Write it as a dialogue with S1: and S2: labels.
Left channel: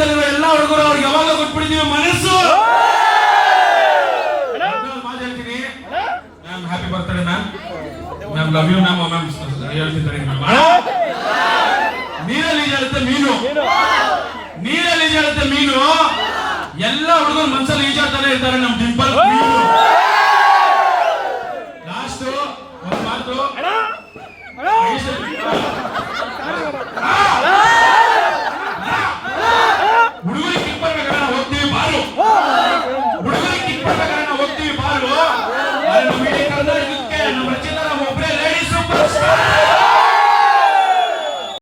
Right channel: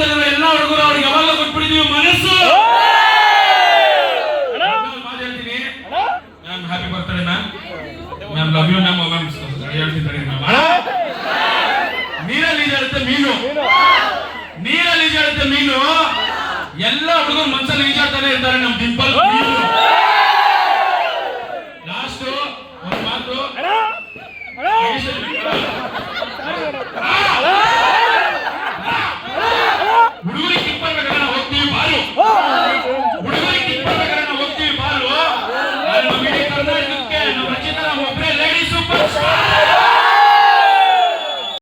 S1: ಪ್ರಪಂಚದಲ್ಲಿರೋ ಎಲ್ಲ ಹುಡುಗರು ಅವ್ರಿಗೆ ಯಾವಾಗ ಕೊಟ್ಬಿಟ್ಟಿದೀವಿ ಮನಸ್ಸು. ಮಾತು ಹೇಳ್ತೀನಿ. ಮ್ಯಾಮ್ ಹ್ಯಾಪಿ ಬರ್ತಾರೆ ma'am. Ma'am love you ma'am ma'am ಹೇಳ್ತಿದ್ದಾರೆ ಮ್ಯಾಮ್. ನೀರಲ್ಲಿ ಈಜಾಡುತ್ತೆ ಮೀನು. ನೀರಲ್ಲಿ ಈಜಾಡುತ್ತೆ ಮೀನು. ಎಲ್ಲ ಹುಡುಗರು ಮನ್ಸಲ್ಲಿ ಈಜಾಡ್ತಾನೆ ಇರ್ತಾರೆ ನಮ್ ಡಿಂಪಲ್ ಮೀನು. ಬಾಲು ಹುಡುಗರಿಗೆ ಇಪ್ಪತ್ತಕರನ್ನ ಹೋಗ್ತೀವಿ ಬಾಲು. ನಮ್ಮ ಇಡೀ ಕರ್ನಾಟಕಕ್ಕೆ ನಮ್ಮ ರಚಿತ